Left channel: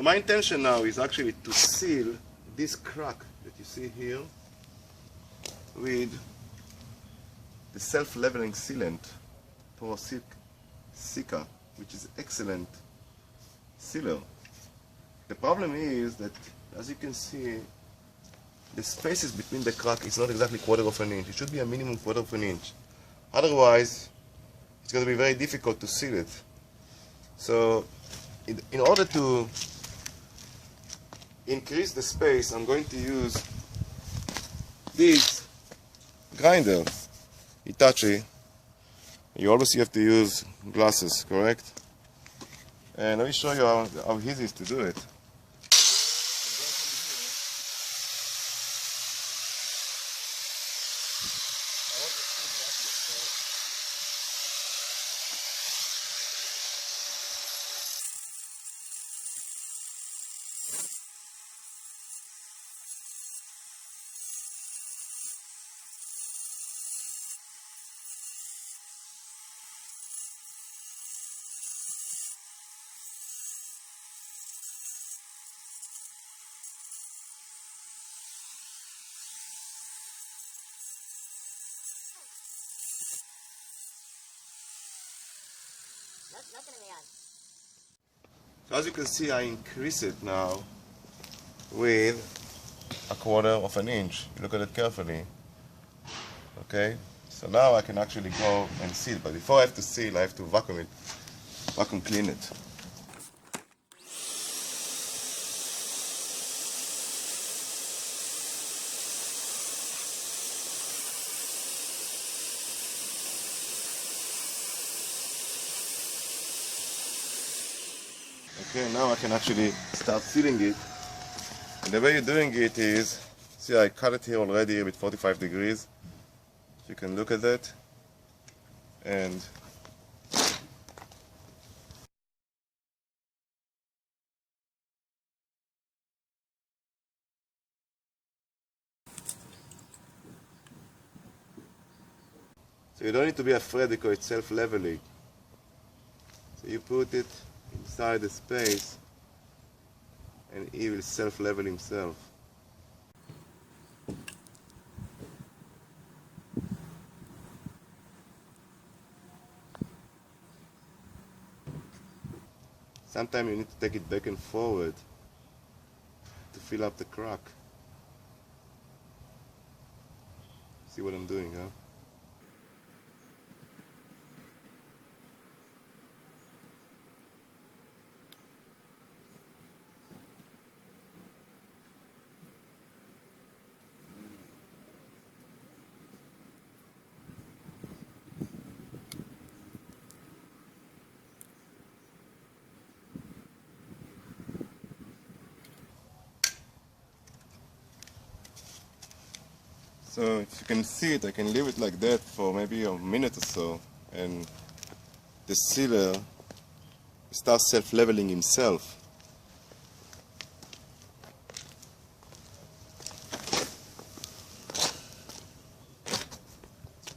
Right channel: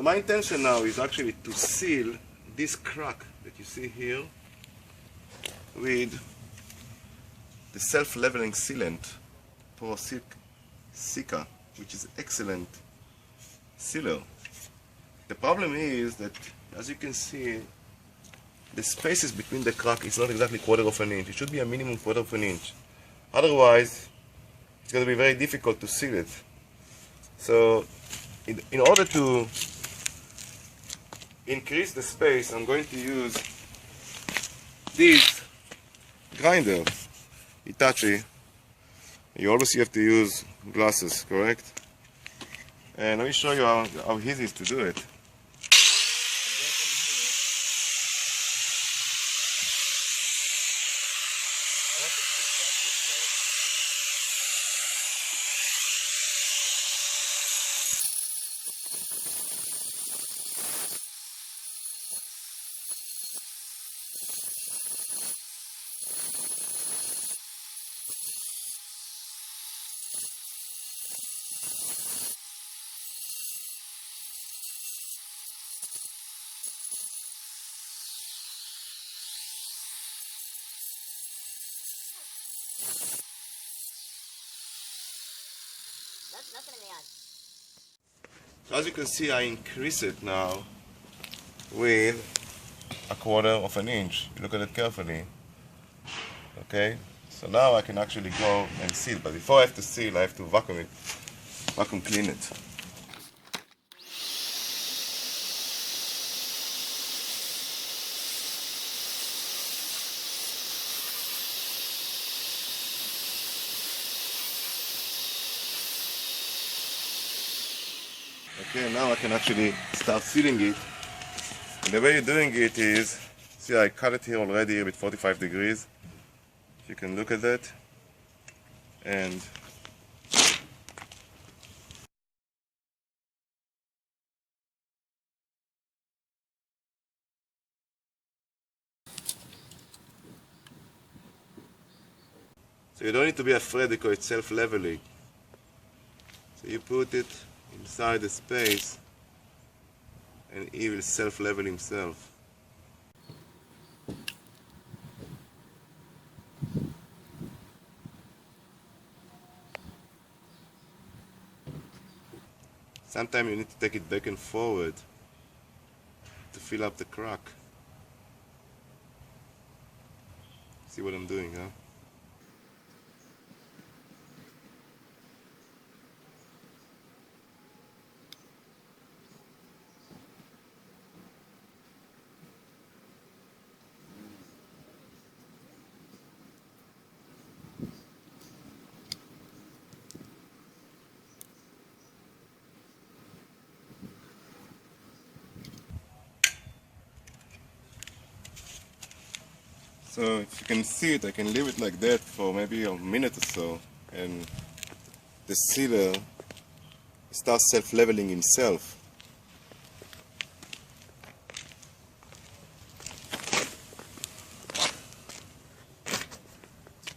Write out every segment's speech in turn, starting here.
So my intention now is actually to seal this crack that you see here with the self-leveling sealant, Porosica, which is excellent sealer. The problem is that, as you can see, the spaces between the crack is not exactly 1/4 of an inch. It should be a minimum 1/4 of an inch. Otherwise, it's going to be very difficult to seal it. So, in order to increase the space, I'm going to use this grinder, Hitachi. You always have to use glasses, correct? And let me show you how easy it is to do it. So as you can see, I increase it now with 1/4 of an inch. Look at it carefully. Okay, so now I can actually go and seal, but before I have to seal, I have to vacuum clean it. Okay, now I can actually start sealing it. And the way you're doing it is, see, I cut it here already with 45 degrees. If you can look at that. And so you don't need to be afraid because it's self-leveling. So you put it inside the space and he will self-level himself. Sometimes you need to take it back and forward to fill up the crack. See what I'm doing, huh? So if you can see it, I can leave it like that for maybe a minute or so, and the sealer starts self-leveling himself.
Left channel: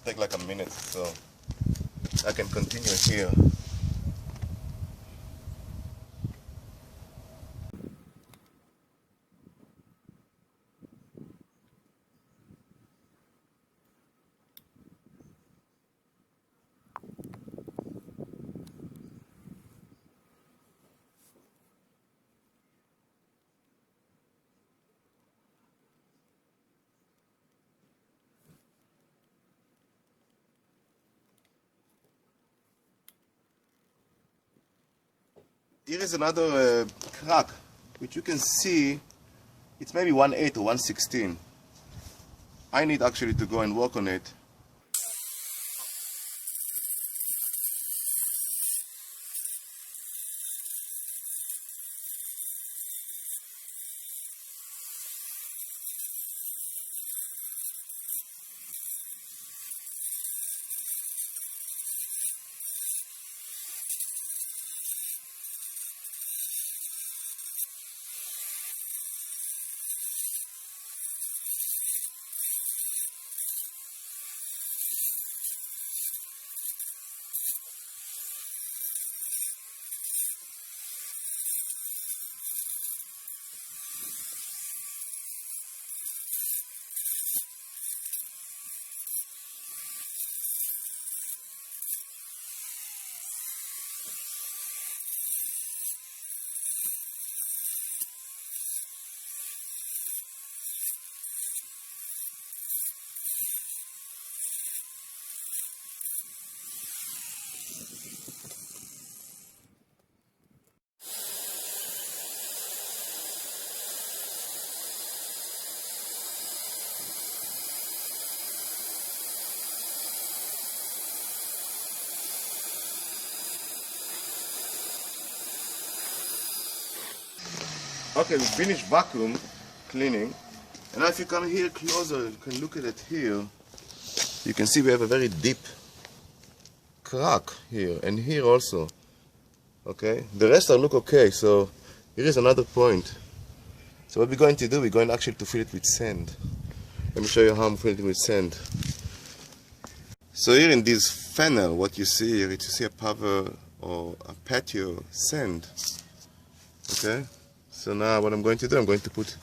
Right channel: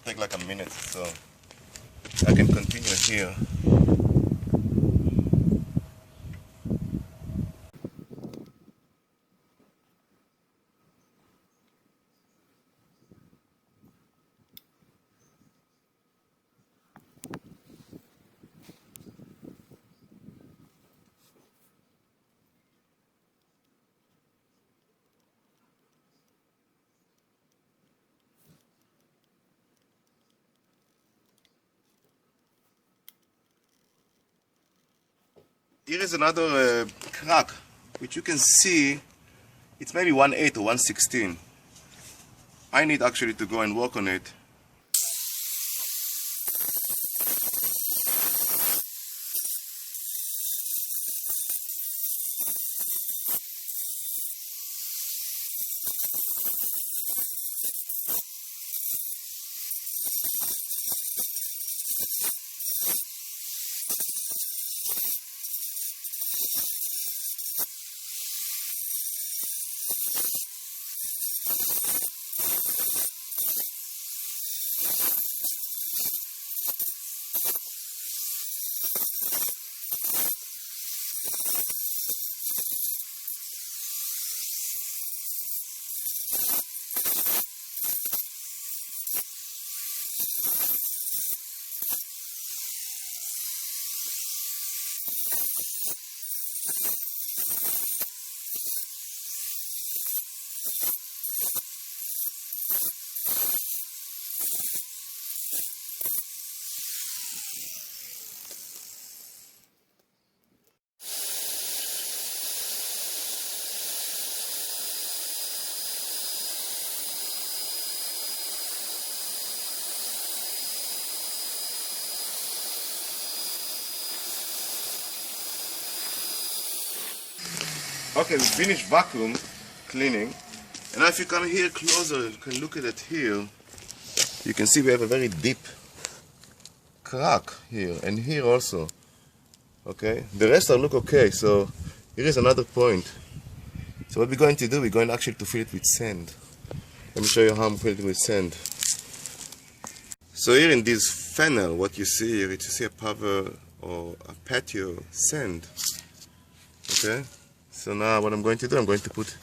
Take like a minute, so I can continue here. Here is another crack, which you can see, it's maybe 1/8 or 1/16. I need actually to go and work on it. Okay, we finished vacuum cleaning. And now if you come here closer, you can look at it here. You can see we have a very deep crack here and here also. Okay, the rest are look okay. So here is another point. So what we're going to do, we're going actually to fill it with sand. Let me show you how I'm filling it with sand. So here in this funnel, what you see here, you see a paver or a patio sand. Okay, so now what I'm going to do, I'm going to put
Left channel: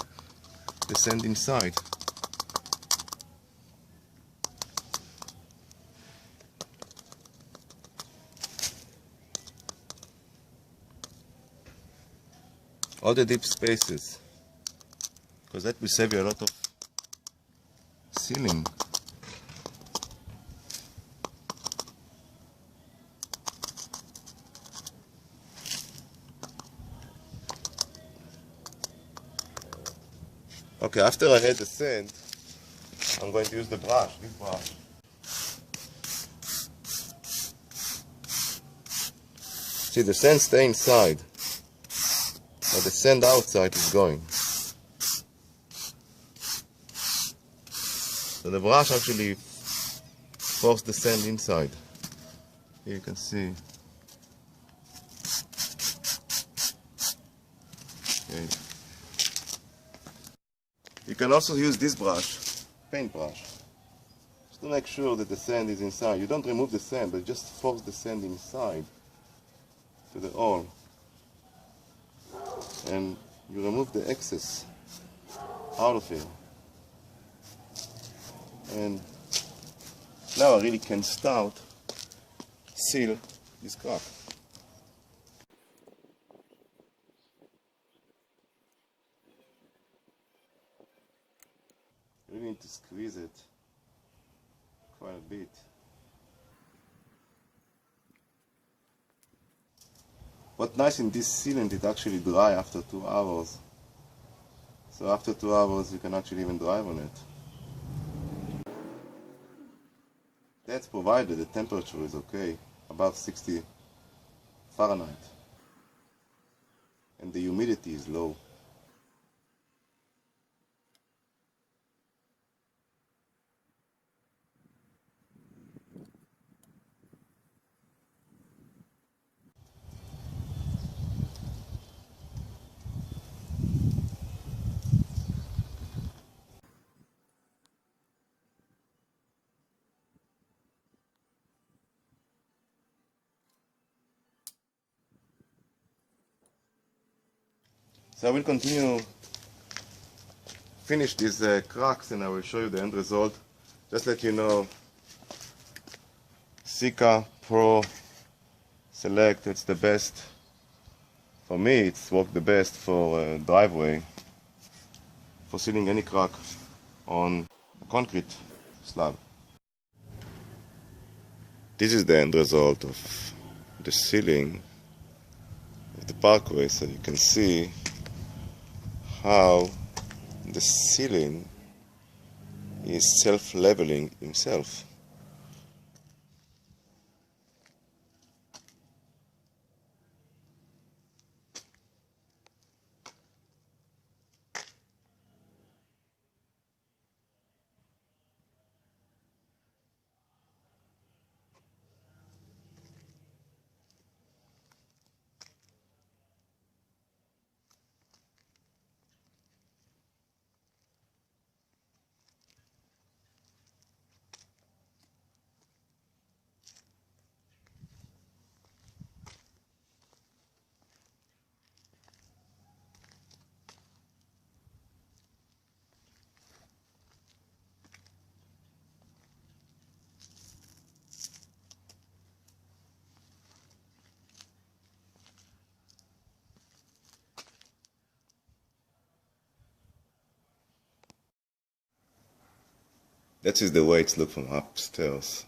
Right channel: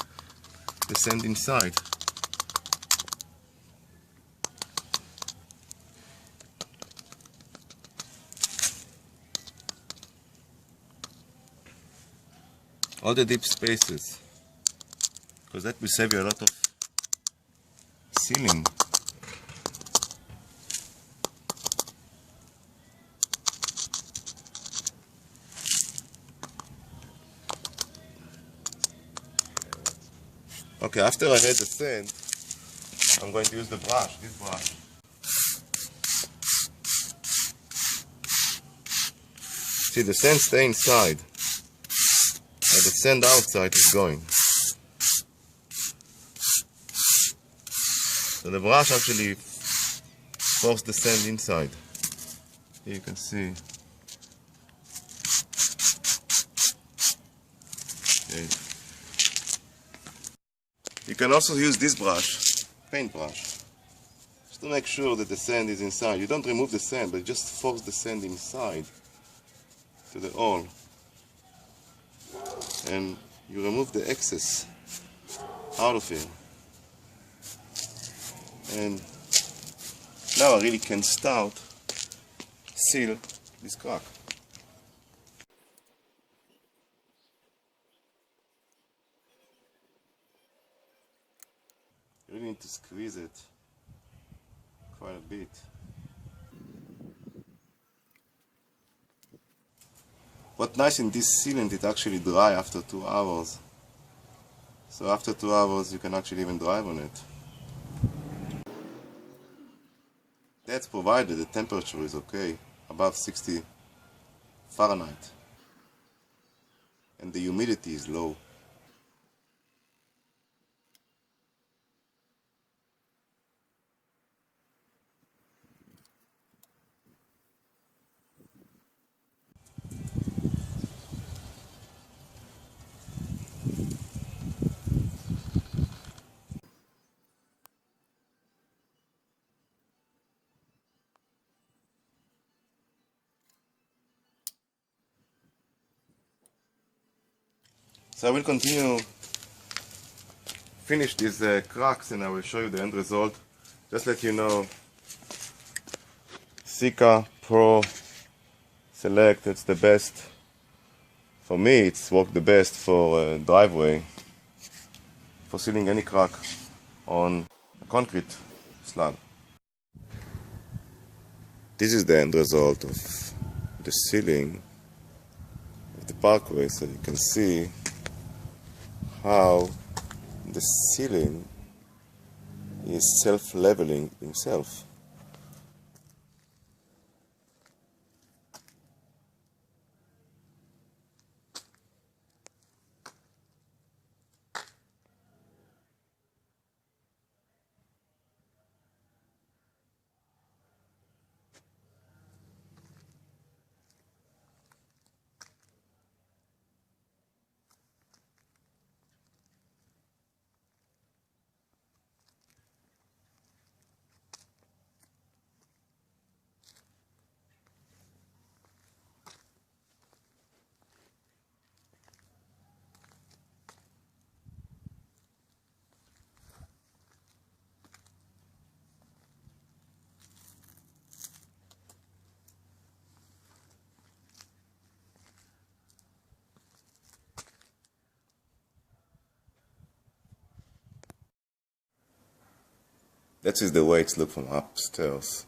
the sand inside. All the deep spaces, because that will save you a lot of sealing. Okay, after I had the sand, I'm going to use the brush, this brush. See, the sand stays inside, but the sand outside is going. So the brush actually forces the sand inside. Here you can see. Okay. You can also use this brush, paint brush, just to make sure that the sand is inside. You don't remove the sand, but just force the sand inside to the hole. And you remove the excess out of here. And now I really can start seal this crack. You really need to squeeze it quite a bit. What's nice in this sealant, it actually dry after 2 hours. So after 2 hours you can actually even drive on it. That's provided the temperature is okay, above 60 Fahrenheit. And the humidity is low. So I will continue, finish these cracks, and I will show you the end result. Just let you know, Sika Pro Select, it's the best. For me, it's worked the best for driveway, for sealing any crack on a concrete slab. This is the end result of the sealing of the parkway, so you can see how the sealing is self-leveling himself. That is the way it looks from upstairs.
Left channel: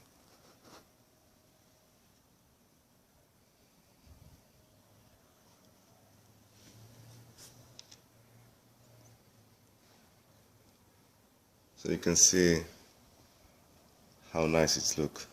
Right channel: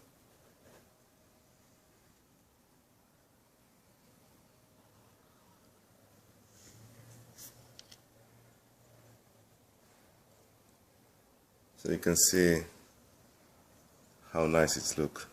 So you can see how nice it looks.